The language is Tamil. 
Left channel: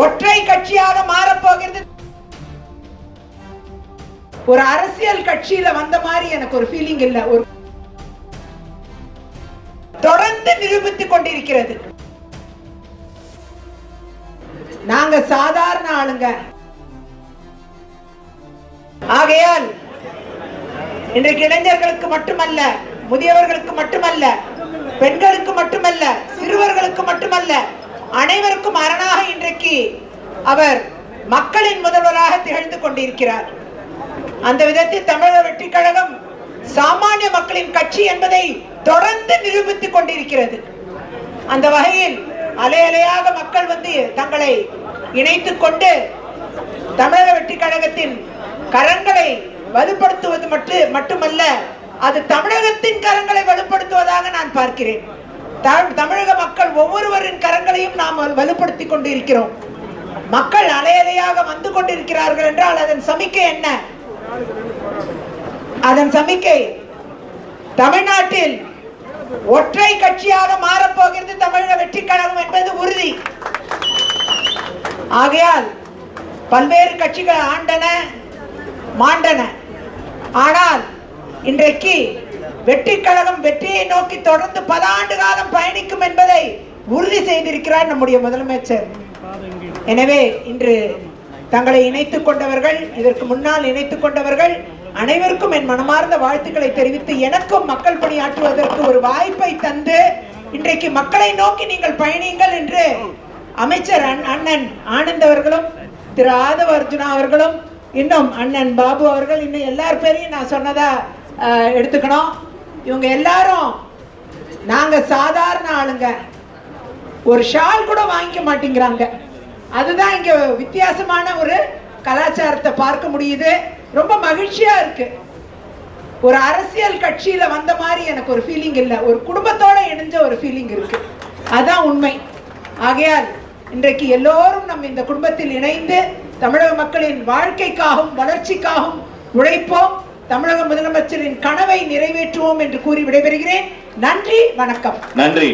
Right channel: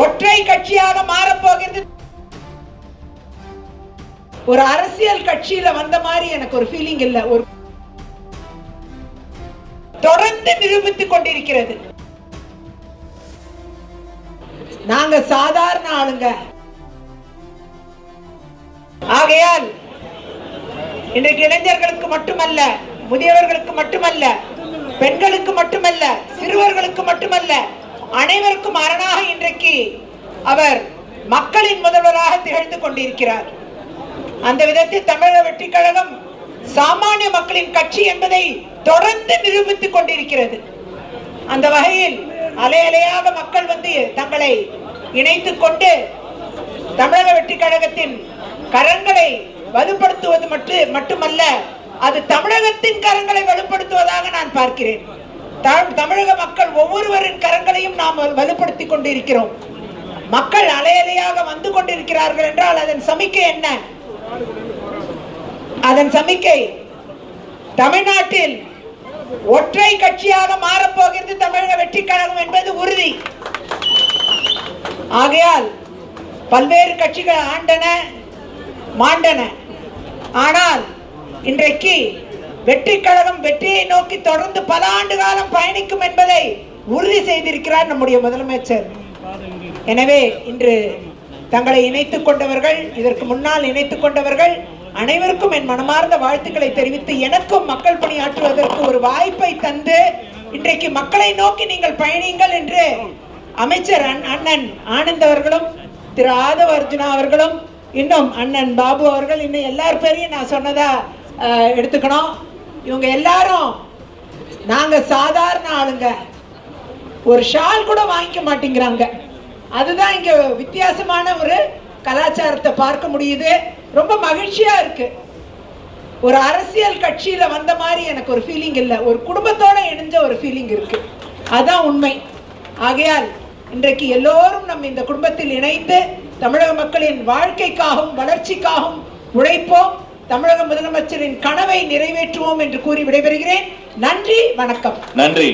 ஒற்றை கட்சியாக மாறப்போகிறது. ஒரு அரசியல் கட்சியில வந்த மாதிரி எனக்கு ஒரு ஃபீலிங் இல்ல. ஒரு தொடர்ந்து நிரூபித்துக் கொண்டிருக்கிறது. நாங்க சாதாரண ஆளுங்க. ஆகையால் இன்றைக்கு இளைஞர்களுக்கு மட்டுமல்ல, முதியவர்களுக்கு மட்டுமல்ல, பெண்களுக்கு மட்டுமல்ல, சிறுவர்களுக்கு மட்டுமல்ல, அனைவருக்கும் அரணாக இன்றைக்கு அவர் மக்களின் முதல்வராக திகழ்ந்து கொண்டிருக்கிறார். அந்த விதத்தில் தமிழக வெற்றிக் கழகம் சாமானிய மக்களின் கட்சி என்பதை தொடர்ந்து நிரூபித்துக் கொண்டிருக்கிறது. அந்த வகையில் அலை அலையாக மக்கள் வந்து தங்களை இணைத்துக் கொண்டு தமிழக வெற்றிக் கழகத்தின் கரங்களை வலுப்படுத்துவது மட்டுமல்ல, அது தமிழகத்தின் கரங்களை வலுப்படுத்துவதாக நான் பார்க்கிறேன். தமிழக மக்கள் ஒவ்வொருவரின் கரங்களையும் நாம் வலுப்படுத்திக் கொண்டிருக்கிறோம். மக்கள் அலை அலையாக வந்து கொண்டிருக்கிறார்கள் என்றால் அதன் சமிக்கை என்ன? அதன் சமிக்கை தமிழ்நாட்டில் ஒற்றை கட்சியாக மாறப்போகிறது தமிழக வெற்றிக் கழகம் என்பது உறுதி. ஆகையால் பல்வேறு கட்சிகள் ஆண்டன மாண்டன. ஆனால் இன்றைக்கு வெற்றிக் கழகம் வெற்றியை நோக்கி தொடர்ந்து பல ஆண்டு காலம் பயணிக்கும் என்பதை உறுதி செய்திருக்கிறார் நம்முடைய முதலமைச்சர். எனவே இன்று தங்களை இணைத்துக் கொண்டவர்கள், இதற்கு முன்னால் இணைத்துக் கொண்டவர்கள் அனைவருக்கும் என் மனமார்ந்த வாழ்த்துக்களை தெரிவித்து, எனக்கும் மக்கள் பணியாற்றுவதற்கு ஒரு வாய்ப்பை தந்து இன்றைக்கு மக்களை நோக்கி நீங்கள் பயணிங்கள் என்று அமைச்சர் அண்ணன் ஆனந்த் அவர்களும், திரு ஆதவ அர்ஜுனா அவர்களும், இன்னும் அண்ணன் பாபு அவர்கள், இன்னும் எல்லார் பேரையும் நான் சொன்னதா எடுத்துக்கணும். இவங்க எல்லாரும் நாங்க சாதாரண ஆளுங்க, ஒரு ஷால் கூட வாங்கிக்க மாட்டேங்கிறாங்க. அதுதான் இங்க வித்தியாசமான ஒரு கலாச்சாரத்தை பார்க்க முடியுது. ரொம்ப மகிழ்ச்சியா இருக்கு. ஒரு அரசியல் கட்சியில வந்த மாதிரி எனக்கு ஒரு ஃபீலிங் இல்ல. ஒரு குடும்பத்தோட இணைஞ்ச ஒரு ஃபீலிங் இருக்கு. அதான் உண்மை. ஆகையால் இன்றைக்கு எல்லோரும் நம்ம இந்த குடும்பத்தில் இணைந்து தமிழக மக்களின் வாழ்க்கைக்காகவும் வளர்ச்சிக்காகவும் உழைப்போம். தமிழக முதலமைச்சரின் கனவை நிறைவேற்றுவோம் என்று கூறி விடைபெறுகிறேன். நன்றி, வணக்கம். நன்றி.